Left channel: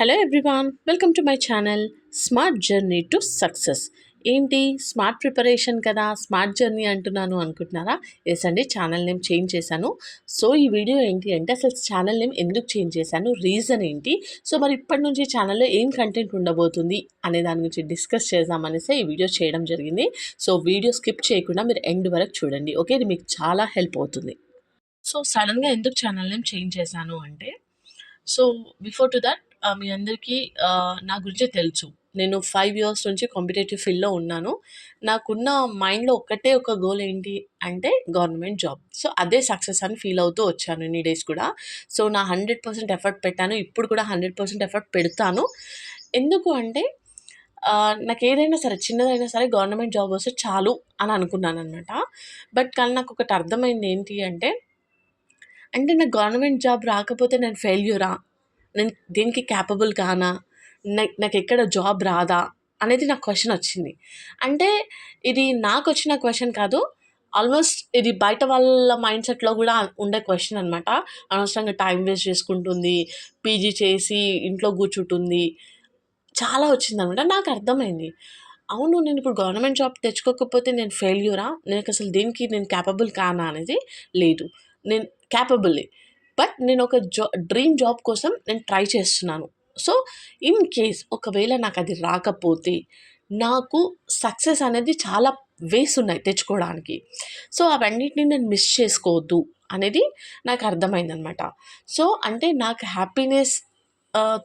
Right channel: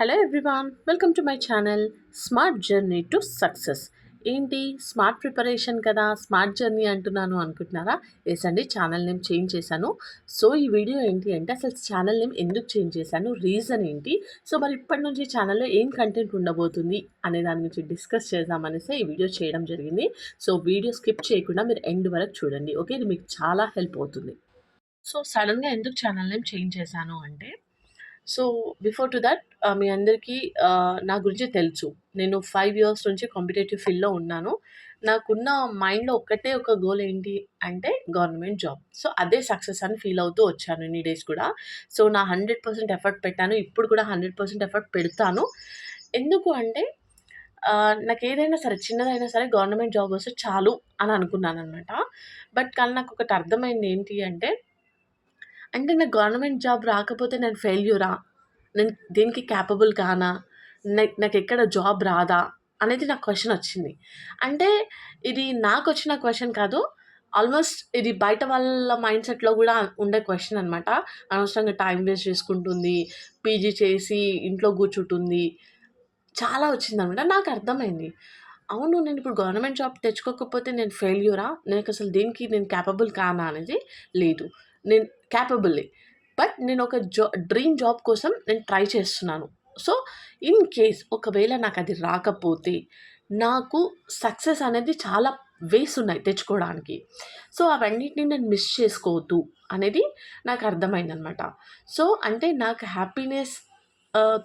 Hello everyone, welcome to my channel smart journey to success. ఏంటి smart preparation కదా, smart journey అంటున్నాను అనుకుంటున్నారా? Yes అండి, ఛానల్ నేమ్ చేంజ్ చేశాను. సో ఈ వీడియో ఏంటి అంటే అసలు ఛానల్ నేమ్ ఎందుకు చేంజ్ చేశాను, రీజన్ ఏంటి, సో మరి ఇప్పటి నుంచి ఛానల్లో ఏం కంటెంట్ ఉండబోతుంది అనే దాని గురించి డిస్కస్ చేద్దామనేసి ఈ వీడియో చేయడం జరిగింది. సో వీడియో స్కిప్ చేయకుండా మీరు ఎండ్ వరకు చూడండి, ఓకే? ఇది మీకు చాలా హెల్ప్ అవుతుంది. సో సడన్గా ఎందుకు ఛానల్ నేమ్ చేంజ్ చేశాను అంటే, సో బిఫోర్ టు దట్ మీ అందరికీ నా గురించి తెలుసు. నేను 5 ఇయర్స్ నుంచి కాంపిటేటివ్ ఫీల్డ్‌లో ఉన్నాను. నాకున్న మైండ్‌లో ఒక్కటే ఒక గోల్ ఏంటి అంటే గవర్నమెంట్ జాబ్. సో అదే సక్సెస్ అని ఫీల్ అవుతూ వచ్చాను ఇన్ని డేస్ కూడా. సో నా 100% ఎఫర్ట్ పెట్టాను. ఇప్పుడు కూడా 100% ఎఫర్ట్ పెడతాను. ఎందుకు అంటే నాకేదైనా సరే, చిన్నదైనా సరే గవర్నమెంట్ జాబ్ వస్తే చాలు అని అనుకున్నాననమాట. బట్ కానీ నాకొకటి అర్థమైంది ఏంటి అంటే, నాకు గవర్నమెంట్ జాబ్ రాకపోతే నేను ఫెయిల్యూరా? నేను దేనికి క్యాపబుల్ కానా? నాకెక్కడ జాబ్ రాదా? అనేది నాకు క్వెషనొచ్చింది. అంటే ఇది నాకొచ్చిన క్వెషన్ కాదు. ఆల్మోస్ట్ ఇది బయట వాళ్ళ మైండ్‌సెట్‌లో గూడా ఉండే క్వెషన్ అనమాట. అనవసరంగా టైమ్ వేస్ట్ చేసుకుంటుంది. పీజీ చేసి ఇంట్లో కూర్చుంటుంది. చాలా వచ్చిందనమాట. నాకర్థమైంది. అవును, నేనిప్పుడు గవర్నమెంట్ జాబ్ తెచ్చుకోకపోతే నేను ఫెయిల్యూరా? నాకసలు దేనికి నేను క్యాపబుల్ కానా అనేది? లేదు. నేను క్యాపబులే. బట్ నేనొక డ్రీమ్ జాబ్ కోసం నేను ట్రై చేస్తున్నాను. సో, ఇన్ కేస్ ఒకవేళ నాకది రాకపోతే, నాకు సక్సెస్ అనేది చాలా వేస్ ఉన్నాయి తెచ్చుకోవడానికి. సో, అవన్నిటిని నేను మిస్ చేసుకోవద్దు అనేది నాకర్థమైందనమాట. సో, అంటే నాకు హ్యాపీనెస్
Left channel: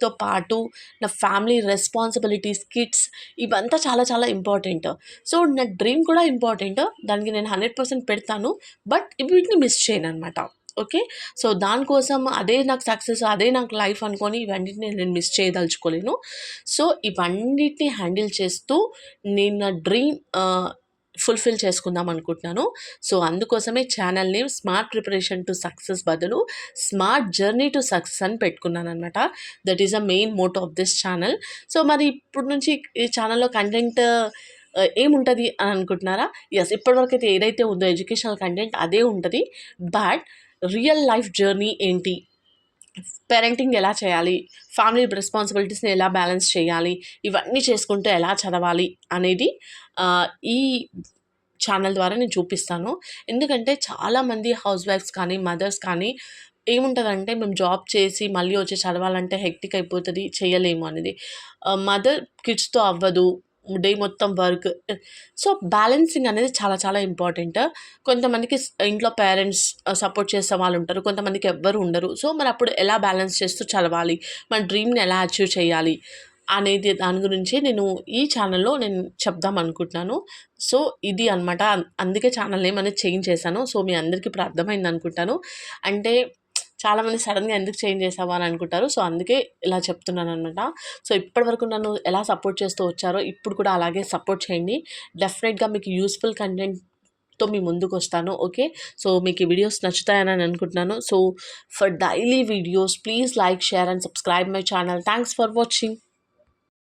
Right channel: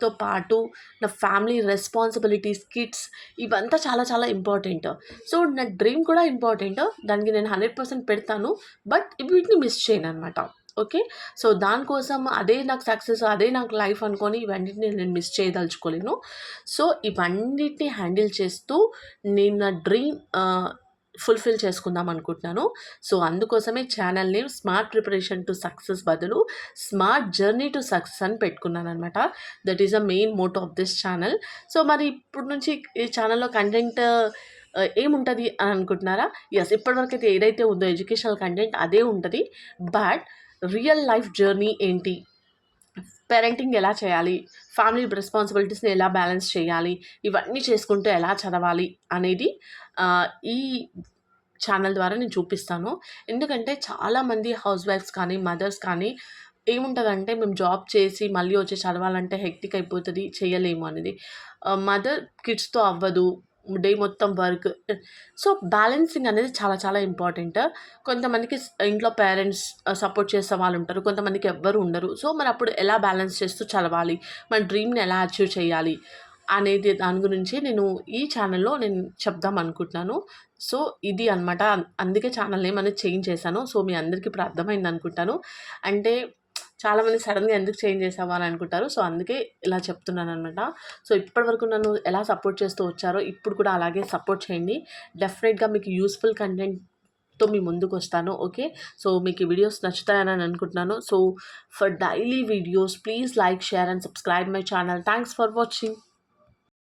తో పాటు నా ఫ్యామిలీ రెస్పాన్సిబిలిటీస్, కిడ్స్ ఇవంతా చాలా చాలా ఇంపార్టెంట్. సో, నా డ్రీమ్ కూడా ఇంపార్టెంట్. దానికి నేను 100% పెడతాను. బట్ వీటిని మిస్ చేయననమాట. ఓకే. సో, దానికోసం అదే నాకు సక్సెస్, అదే నాకు లైఫ్ అనుకోని ఇవన్నిటిని నేను మిస్ చేయదలుచుకోలేను. సో, ఇవన్నిటిని హ్యాండిల్ చేస్తూ నేను నా డ్రీమ్ ఫుల్‌ఫిల్ చేసుకుందాం అనుకుంటున్నాను. సో, అందుకోసమే channel name smart preparation to success బదులు స్మార్ట్ జర్నీ టు సక్సెస్ అని పెట్టుకున్నాననమాట. That is the main motto of this channel. So, మరి ఇప్పటి నుంచి ఈ ఛానల్‌లో కంటెంట్ ఏముంటది అని అనుకుంటున్నారా? యెస్, ఇప్పటివరకైతే ఏదైతే ఉందో ఎడ్యుకేషనల్ కంటెంట్ అదే ఉంటది. బట్ రియల్ లైఫ్ జర్నీ ఏంటి? పేరెంటింగ్ ఎలా చేయాలి? ఫ్యామిలీ రెస్పాన్సిబిలిటీస్‌ని ఎలా బ్యాలెన్స్ చేయాలి? ఇవన్నీ చేసుకుంటూ ఎలా చదవాలి అనేది ఈ ఛానల్ ద్వారా నేను చూపిస్తాను. ఎందుకంటే చాలామంది హౌస్ వైఫ్స్ కానీ, మదర్స్ కానీ ఏముంటదంటే, మేము జాబ్ చేసి మళ్ళీ వచ్చి చదవాలంటే హెక్టిక్ అయిపోతది, చేయలేము అనేది. మదర్ కిడ్స్‌తో అవ్వదు. డే మొత్తం వర్క్. సో, బ్యాలెన్సింగ్ అనేది చాలా చాలా ఇంపార్టెంట్. కొంతమందికి ఇంట్లో పేరెంట్స్ సపోర్ట్ చేసే వాళ్ళుంటారు. కొంతమందికి ఎవ్వరు ఉండరు. సో, మరప్పుడు ఎలా బ్యాలెన్స్ చేస్తూ చదవాలి? మన డ్రీమ్‌ని ఎలా అచీవ్ చేయాలి? అనేది దాని గురించి నేను ఈ ఛానల్‌లో నేను చెప్దాం అనుకుంటున్నాను. సో, ఇది అనమాట. అందుకే ఛానల్ నేమ్ అనేది చేంజ్ చేశాను. సో, మీ అందరికీ ఇప్పుడు అర్థమైందనుకుంటాను. అంటే చాలామంది సడెన్‌గా ఎందుకు చేంజ్ చేసావు అని అనుకుంటారు. సో, అందుకే ఇలా చెప్తున్నాననమాట. సో, ఇప్పటివరకు నన్ను ఎలా సపోర్ట్ చేస్తూ వచ్చారో ఇప్పుడు కూడా అలాగే సపోర్ట్ చేయండి. డెఫినెట్‌గా మీకు యూజ్‌ఫుల్ కంటెంట్‌తో మీ ముందుకొస్తాను. ఓకే. సో, మీకు ఈ వీడియోస్ నచ్చుతాయని అనుకుంటున్నాను. So, for daily videos please like, share and subscribe my channel. Thanks for watching.